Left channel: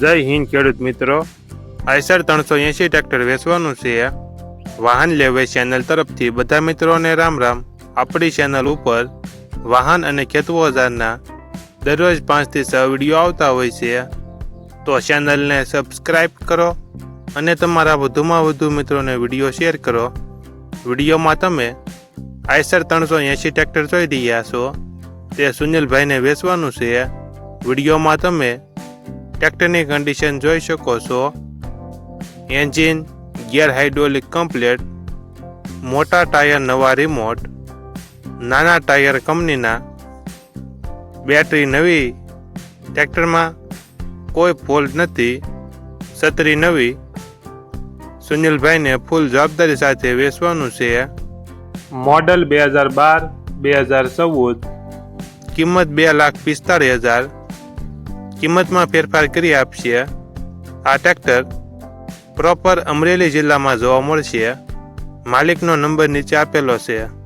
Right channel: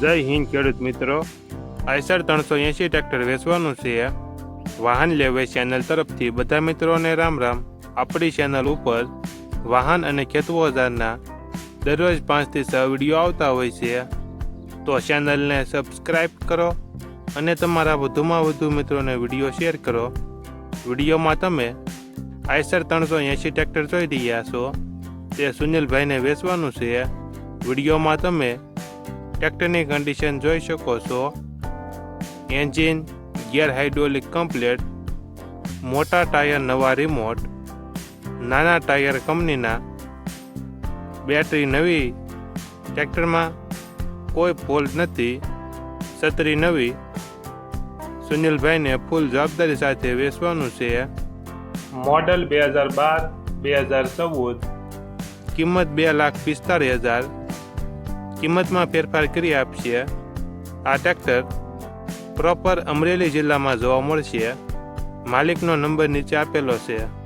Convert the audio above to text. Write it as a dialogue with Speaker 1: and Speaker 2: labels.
Speaker 1: જય હિન્દ, ખેડૂત મિત્રો. આઈસર ત્રણસો એંશી ટ્રેક્ટર વેચવાનું છે. વાહન લેવે ચેનલ તરફથી બધા મિત્રોને રામ રામ. આપણી ચેનલ ઉપર વાહન અને ખેત ઓજારના દરરોજ પાંચથી છ વીડિયો આવતા હોય છે. તો ચેનલને સબસ્ક્રાઈબ કરો અને તમારા વધુમાં વધુ મિત્રોને વીડિયો શેર કરો. વિડીયોમાં તમે આઈસર ત્રણસો એંશી ટ્રેક્ટર જોઈ રહ્યા છો. તે સુનિલભાઈને વેચવાનું છે. વિડીયોમાં તમે ટ્રેક્ટરની કન્ડિશન જોઈ શકો છો. એન્જિન ગિયર હાઇડ્રોલિક કમ્પ્લેટ, મોટા ટાયર નવા રિમોટ નાના ટાયર કંપનીના. બેટરી નવી ટ્રેક્ટરમાં કોઈ ફોલ્ટ નથી. છત્રી નવી, સુનિલભાઈને ફૂલ જવાબદારી સાથે વેચવાનું છે. મોડલ બે હજાર બાર, બે હજાર ચૌદ, કિંમત બે લાખ પિસ્તાળીસ હજાર. કિંમતમાં ફેરફાર કરી આપશે આ ટ્રેક્ટર પ્રોપર અમરેલી જિલ્લામાં જોવા મળશે. માલિકનો નંબર નીચે આપેલો છે.